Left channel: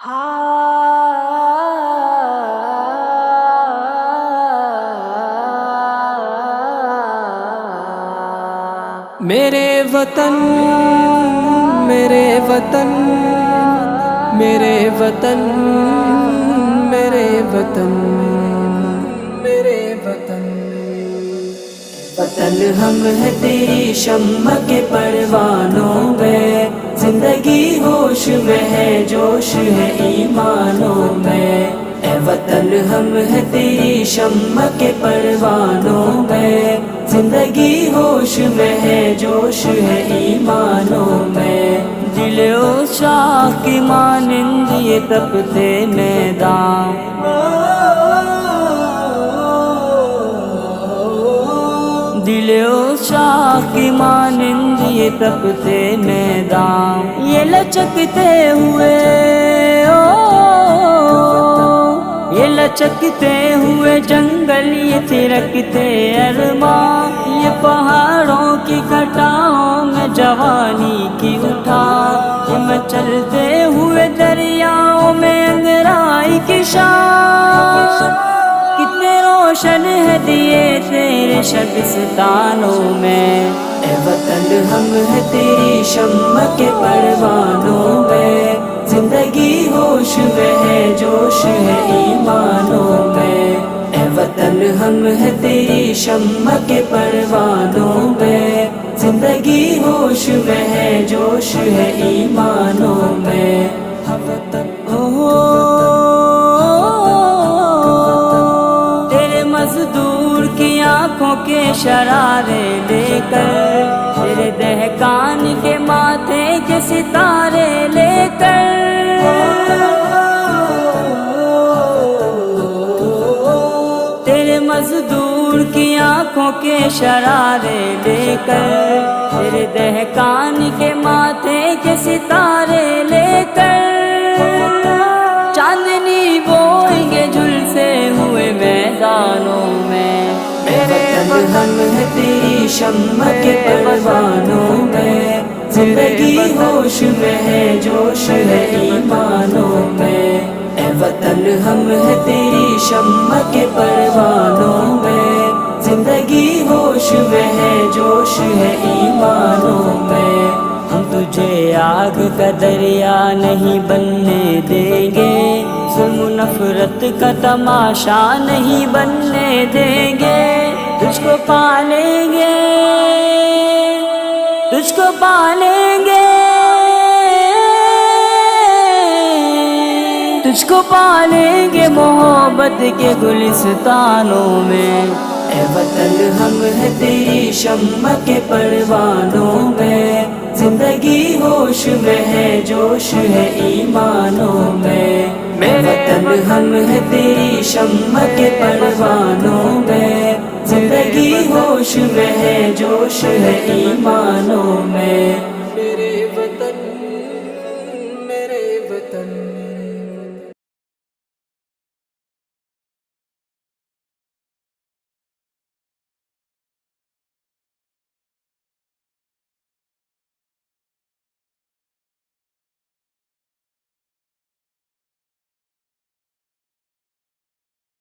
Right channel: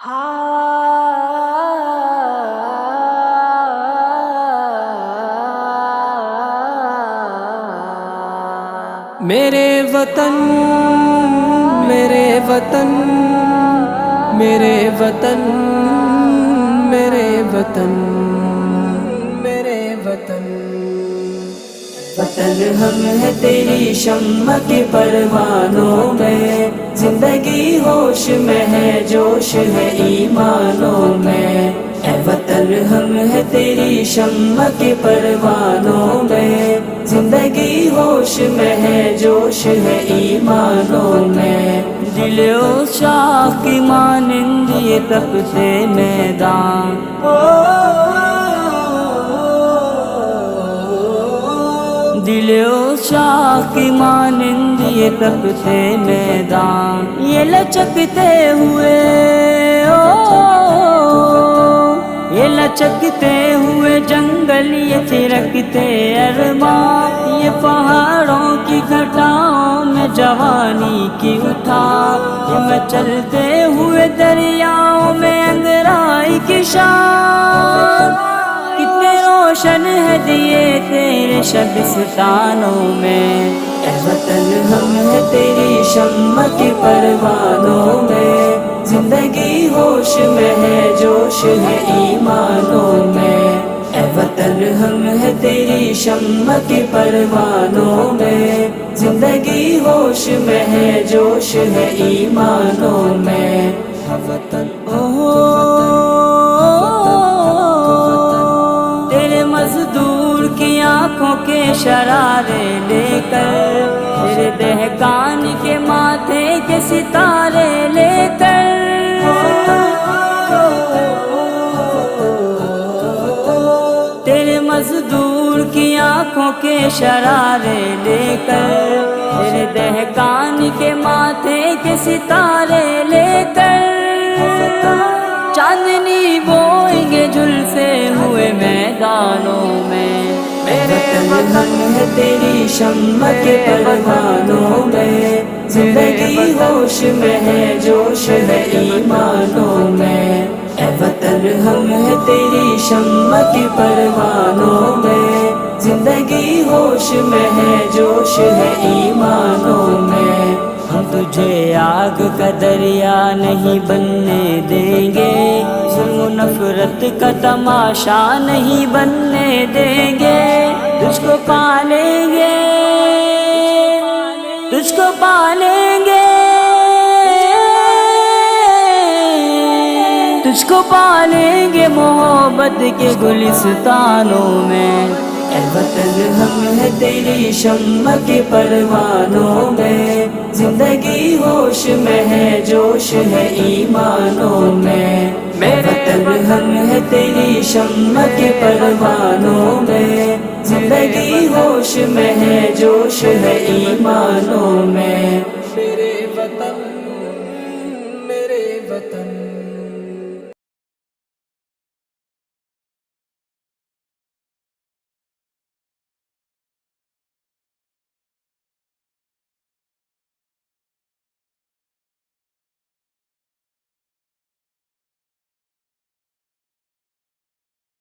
मेरे वतन मेरे वतन मेरे वतन मेरे वतन मेरे वतन वतन हम है तेरी शम्मा के परवानों में, जिंदगी होश में है जोश है ईमानों में। ए वतन हम है तेरी शम्मा के परवानों में, जिंदगी होश में है जोश है ईमानों में। दिलो शाह की मानिंद ये तपते मैदान, दिलो शाह की मानिंद ये तपते मैदान, ये लचकते हुए ये लचकते हुए जंगल, ये थिरकते अरमान, ये पहाड़ों की घटाओं में जवानी की उठा, ये मचलते हुए दरियाओं में अंगराई की शान। कितने रोशन है दिए तेरे शबिस्तानों में, ए वतन हम है तेरी शम्मा के परवानों में, जिंदगी होश में है जोश है ईमानों में। ए वतन हम है तेरी शम्मा के परवानों में, जिंदगी होश में है जोश है ईमानों में। मजदूर की आंखों के शरारे लेकर, तेरे दहकान के माथे के सितारे लेकर, तेरे मजदूर की आंखों के शरारे लेकर, तेरे दहकान के माथे के सितारे लेकर, चांदनी बोएंगे झुलसे हुए मैदानों में। मेरे वतन है तेरी शम्मा के परवानों में, जिंदगी होश में है जोश है ईमानों में। ए वतन हम है तेरी शम्मा के परवानों में, जिंदगी होश में है जोश है ईमानों में। हम तुझे आग का दरिया नहीं बनने देंगे, जुल्म नफरत का तमाशा नहीं बनने देंगे, तुझको पालेंगे तुझको पालेंगे तुझको पालेंगे मोहब्बत के गुलिस्तानों में। ए वतन हम है तेरी शम्मा के परवानों में, जिंदगी होश में है जोश है ईमानों में। मेरे वतन हम है तेरी शम्मा के परवानों में, जिंदगी होश में है जोश है ईमानों में। मेरे वतन मेरे वतन